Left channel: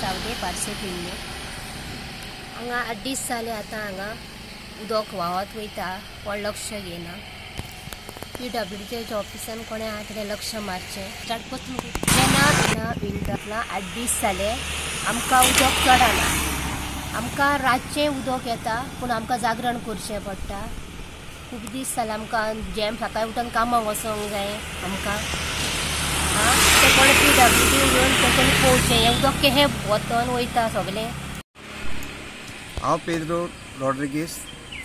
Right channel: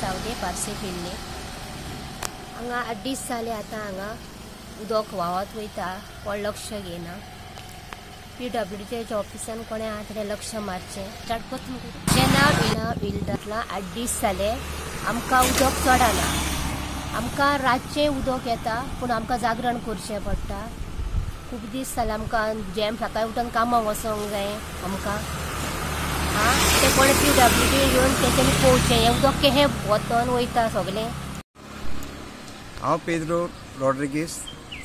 चावदे पार्से पिल्ले हांगा 8 दीस जाले आतां हांगा उदक व्हांवत वयता कोण लक्ष घेना PWDच्या ऑफिसान कोणे हातडे लक्ष मारचे स्टार्ट करता जेन्ना विल्डरला 8 दीस जाले आमकां उदक चडना आमकां रातचे उदक येता पूण आमकां जागरण करचें पडटा खूब दीस जाले आमकां जेम सकाळी उठून कामाक वचोंक जाय आमकां ते कोण PWD येवन तेंच्यांनी पळोवचें हें उदक केहें वतन वयता सगळें। हांव पेद्रो रॉड्रिगीस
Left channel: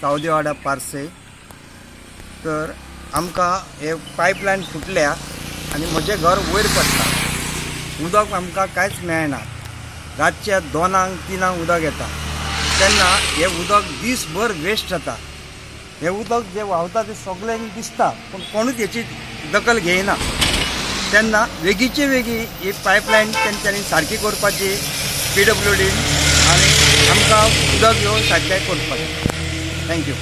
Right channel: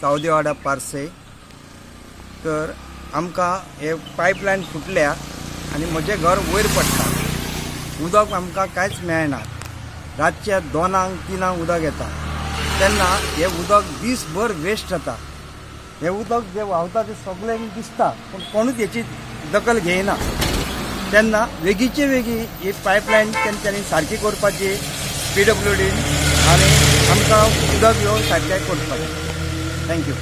चावदेवाडा पार्से तर आमकां हे पायपलायन फुटल्या आनी म्हजें घर वयर पडटा उदक आमकां कांयच मेळना रातच्या 2-3 उदक येता तेन्ना हे उदक दीसभर वेस्ट जाता हे उदक जे व्हांवता ते सगळ्यांक दिसता पूण कोणूच हेची दखल घेयना तेन्ना वेगीचे वेगळी ही पायपलायन तेंच्यांनी सारकी करपाची PWD आनी आमकां उदक येवन सारकें करपाचें। थँक्यू।